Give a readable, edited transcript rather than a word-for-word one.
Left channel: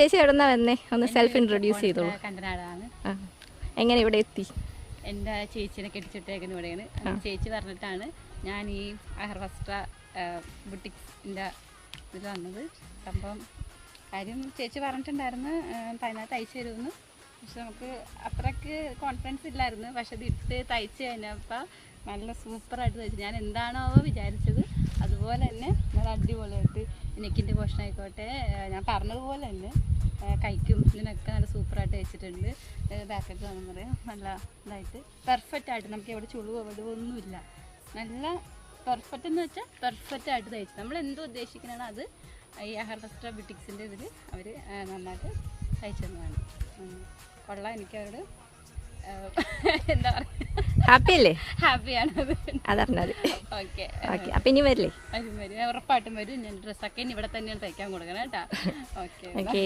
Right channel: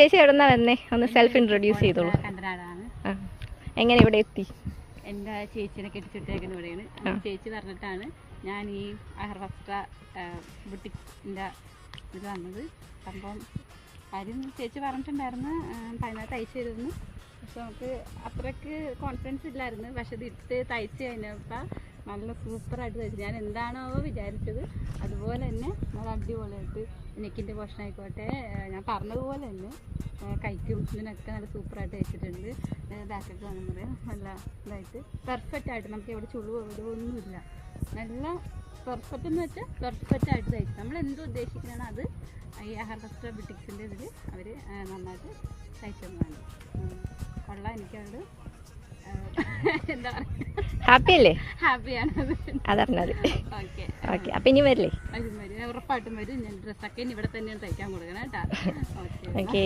ചേച്ചി എവിടെന്നാ വന്നേ? ഒന്ന് സെൽഫ് ഇൻട്രൊഡ്യൂസ് ചെയ്തോളൂ. എങ്ങനെ ഇവിടെ എത്തി? എൻ്റെ ചേച്ചിനെ കെട്ടിച്ചിട്ടേക്കുന്ന ഇവിടെയാണ്. ചേച്ചി പറഞ്ഞിട്ടാണ് ഞാൻ ഈ അഹർവസ്ത്ര ബുട്ടിക്സിൻ്റെ ഇത് വന്നത്. അപ്പം കാര്യം ചേച്ചി പറഞ്ഞിട്ടുണ്ടായിരുന്നു 18 തയ്ച്ചു തരുമെന്ന്. പക്ഷെ നമുക്ക് അത്രയ്ക്ക് കോൺഫിഡൻസ് ഇല്ലായിരുന്നു. പക്ഷെ ഇത് ഇട്ട് തയ്ച്ച് കഴിഞ്ഞപ്പോൾ നല്ല സൂപ്പറായിട്ട് തയ്ച്ചു. ഞാൻ എന്താണോ വിചാരിച്ചത് അതുപോലെ തന്നെ നല്ല അടിപൊളിയായിട്ട് നെക്കിൻ്റെ പോർഷൻ ആയിക്കോട്ടെ ഞാൻ പറഞ്ഞതുപോലെ തന്നെ കൈക്കും ഇതിനൊക്കെ നല്ല സൂപ്പറായിട്ട് വെച്ചിട്ടുണ്ട്. ബാക്കൊക്കെ കാണുമ്പോൾ നല്ല ഇതായിട്ട് പെർഫെക്റ്റ് ആയിട്ട് നമുക്ക് എവിടെ ചുളിവോ എവിടെയോ ഒന്നുമില്ല. നല്ല പെർഫെക്റ്റ് എന്ന് വെച്ചാൽ പെർഫെക്റ്റ് ആയിട്ട് തയ്ച്ചു. നമ്മൾ എന്തോ ഉദ്ദേശിക്കുന്നതാണ് അത് ഈ അഹർവസ്ത്ര ബുട്ടിക്സിൻ്റെ ഇതിൽ അവർ നന്നായിട്ട് തയ്ച്ചു തന്നതാണ്. കൊള്ളാം. എനിക്കവരോട് എന്താ പറയുക, ഹാപ്പി അല്ലേ? ഹാപ്പിയാണ്. അതറിഞ്ഞാൽ ഓക്കെ ഓക്കെ. അപ്പം ഇനി വരില്ലേ? വരും, ഉറപ്പായിട്ടും വരും. ഞാൻ ഡ്രസ്സൊക്കെ ഇനി ഇവിടെ തന്നെ തയ്ക്കാൻ കൊടുക്കണം കേട്ടോ. ഓക്കെ.